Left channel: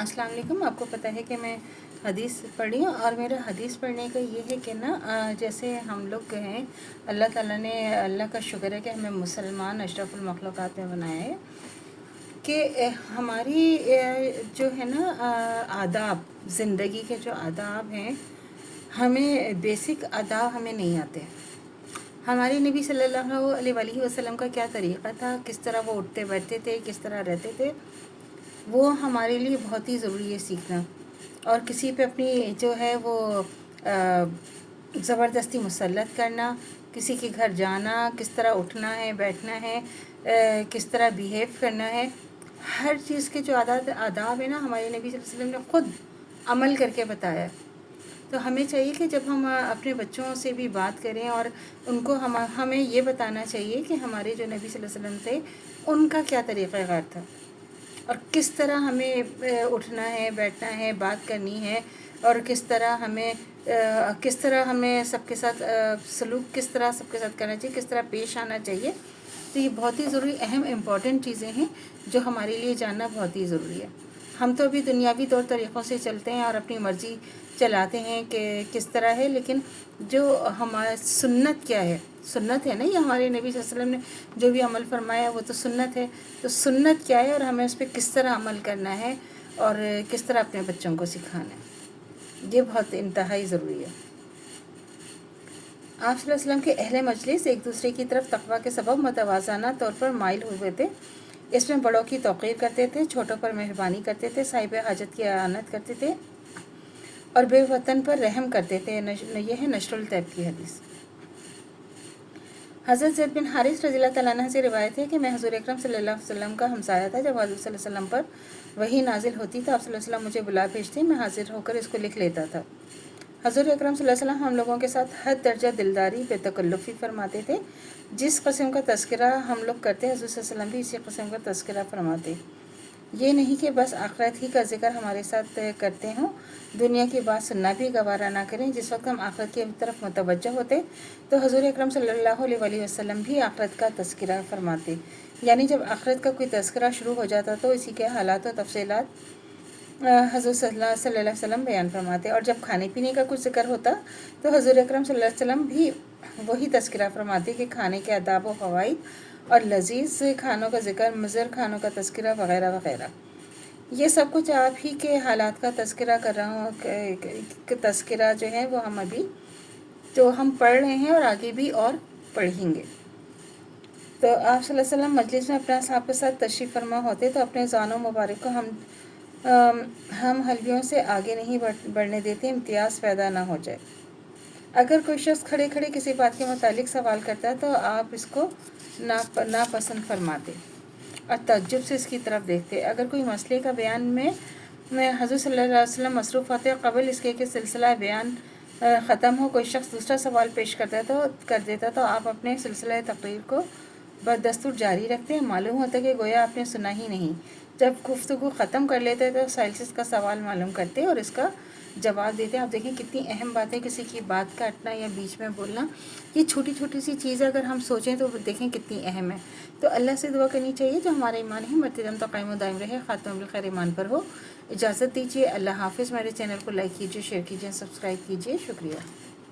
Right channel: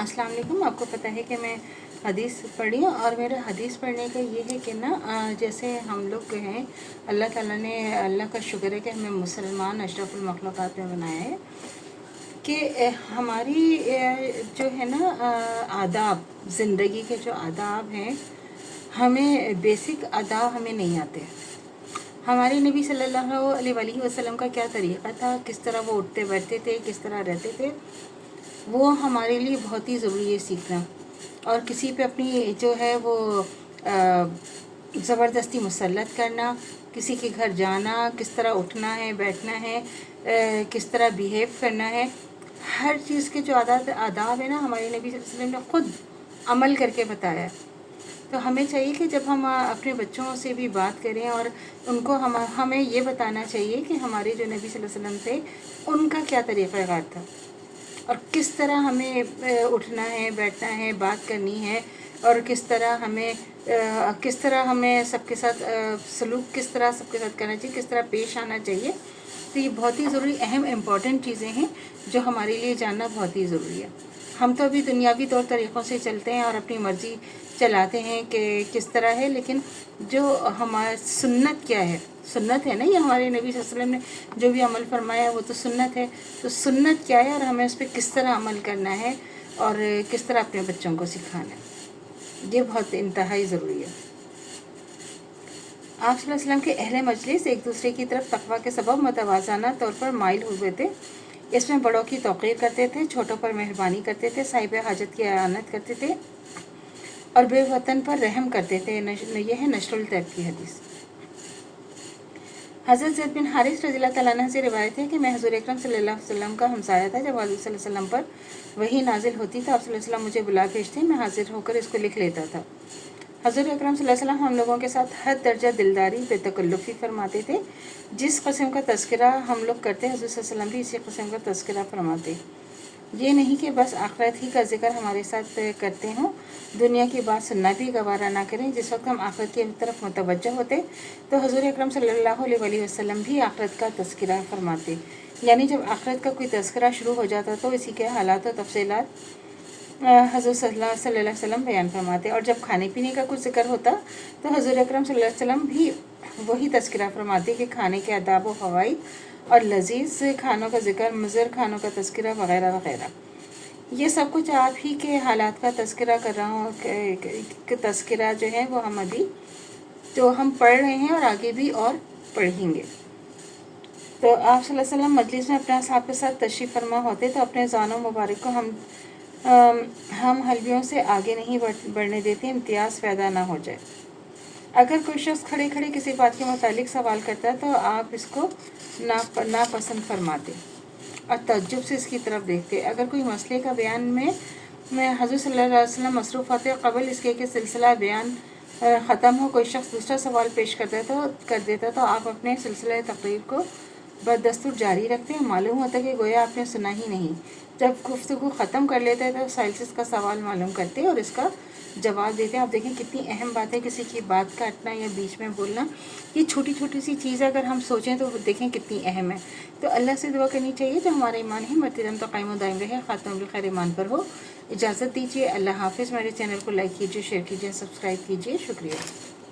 अस्सलाम वालेकुम। आपको पता है कि मैं हदीस पढ़ी हूँ और मेरा हदीस पढ़ने का ये है कि ना जैसे हम लोग हैं, अल्लाह ताला ने, अल्लाह का शुक्र है कि हमें मुसलमान अशरफुल मखलूक़ात में बनाया है कि हमारी जो है ना आदाब, ज़िंदगी के जो आदाब हैं, हमें बेसिक आदाब हमें नहीं आते। हमारे नबी सल्लल्लाहु अलैहि वसल्लम का क्या तरीक़ा था, किस तरह वो उठते बैठते थे, किस तरह रहते थे, वो हमारे लिए बहुत ही ज़रूरी है सीखना। और किसी पे अपनी जो है वो ज़बरदस्ती मुसल्लत करना, किसी के घर जाना, किस तरह उठना है, बैठना है, किस तरह बिहेव करना है, हर चीज़ के जो आदाब है ना, हमारे नबी सल्लल्लाहु अलैहि वसल्लम ने ख़ुद अमल करके बताया। तो हमें चाहिए कि जब हम अपने बच्चों से भी बात करें और उनको हमें ये बताना चाहिए कि हमारे जो नबी सल्लल्लाहु अलैहि वसल्लम थे उनका क्या तरीक़ाकार था और किस तरह हमें उठना है, बैठना है, बात करनी है, और किस तरह हमें सबके साथ सलूक किस तरह सबके साथ करना चाहिए, किस तरह पेश आना चाहिए। तो ये बहुत ही ज़रूरी अहम इम्पॉर्टेंट चीज़ें हैं जो हमारे लिए जानना बहुत ही ज़रूरी है। हम तो अभी दुनियावी तौर तरीक़ों से चलते हैं और अपनी मर्ज़ी चलाते हैं कि किस तरह है, लेकिन जो हमारा सुन्नत क्या है, सुन्नत है ना, ये हमारे नबी सल्लल्लाहु अलैहि वसल्लम ने जो भी अमल फरमाया वो तो सुन्नत है। तो सुन्नत क्या है और हमें उस पर किस तरह अमल करना है और किस तरह अपने बच्चों को सिखाना है, ये बहुत इंतहाई ज़रूरी है। आप सल्लल्लाहु अलैहि वसल्लम के अहले मजलिस एक दूसरे की तरफ तक़वा के सबब मतवाज़ाना तौर पर माइल हुए थे। इसमें बड़ों की तौक़ीर करते थे, छोटों पर मेहरबानी करते थे, साहिब हाजत की आनत करते थे और बेवतन पर रहम करते थे। यह है नशरुल तैब की हदीस। हज़रत ज़ैद बिन हारिस रज़ियल्लाहु तआला अन्हु से रिवायत है कि मैं हुज़ूर अकरम सल्लल्लाहु अलैहि वसल्लम का हमसाया था। जब हज़रत सल्लल्लाहु अलैहि वसल्लम पर वही नाजिल होती तो आप सल्लल्लाहु अलैहि वसल्लम मुझे बुला भेजते, मैं हाजिर होकर इसको लिख लेता था। हज़रत अकरम सल्लल्लाहु अलैहि वसल्लम हम लोगों के साथ हद दर्जा दिलदारी बेतकल्लुफ़ी फरमाते थे। जिस कस्म का तज़किरा हम लोग करते हैं, हज़रत सल्लल्लाहु अलैहि वसल्लम भी इसी कस्म का तज़किरा फरमाते। ये नहीं कि बस आखिरत ही का जिक्र हमारे साथ करते हों, दुनिया की बात सुनना भी गवारा ना करें। जिस वक्त हम आखिरत की तरफ मुतवज्जह होते तो हज़ूर अकरम सल्लल्लाहु अलैहि वसल्लम भी आखिरत का तज़किरा फरमाते। यानी जब आखिरत का कोई तज़किरा शुरू हो जाता तो इसी के हालात और तफसीलात हज़रत सल्लल्लाहु अलैहि वसल्लम बयान फरमाते। और जब खाने पीने का कुछ जिक्र होता तो हज़ूर अकरम सल्लल्लाहु अलैहि वसल्लम भी वही तज़किरा फरमाते कि खाने के आदाब व फ़वाइद और लजीज़ खानों का जिक्र, मुज़र खानों का तज़किरा वग़ैरह वग़ैरह। ये सब कुछ आप ही के हालात का तज़किरा कर रहा हूँ। तज़किरा जो है वो हम अभी जो हम पढ़ रहे हैं और आगे भी और पढ़ेंगे। तो आप सल्लल्लाहु अलैहि वसल्लम मजलिस में अपने असहाब के साथ तशरीफ़ फरमा होते तो अपने ज़ानों मुबारक को हम हलवियों से आगे नहीं बढ़ने देते, इम्तियाज़ पैदा ना हो जाए। अगर कोई शख्स खड़े खड़े किसी बात के मुतालिक सवाल करता है तो आप इसको नापसंद फरमाते और तअज्जुब से इसकी तरफ देखते। अगर कोई मसले का बयान में हज़रत सल्लल्लाहु अलैहि वसल्लम मसरूफ़ होते कबल इसके कि सिलसिला बयान ख़त्म हो, कोई शख्स दूसरा सवाल पेश कर देता तो आप अपने सिलसिला तकरीर को बदस्तूर जारी रखते हैं। मालूम होता कि गोया आपने सुना ही नहीं। जब गुफ्तगू ख़त्म कर लेते हैं तो साइंसिस का सवाल मालूम करते और इसका जवाब देते हैं। आप देखें कितनी अहम बात है किसी की बात काटना या बीच में बोलना। ये छोटी छोटी सी चीज़ अगर हम सोचें तो देखें कितनी अहम है। तो अल्लाह से दुआ करनी चाहिए जो हमारा ईमान है मरते दम तो कायम दायम रहे, ख़ात्मा बिल खैर ईमान पर हो। इजाज़त दीजिए। अल्लाह हाफ़िज़। मेरे चैनल को लाइक कीजिए, शेयर कीजिए, सब्सक्राइब कीजिए। शुक्रिया।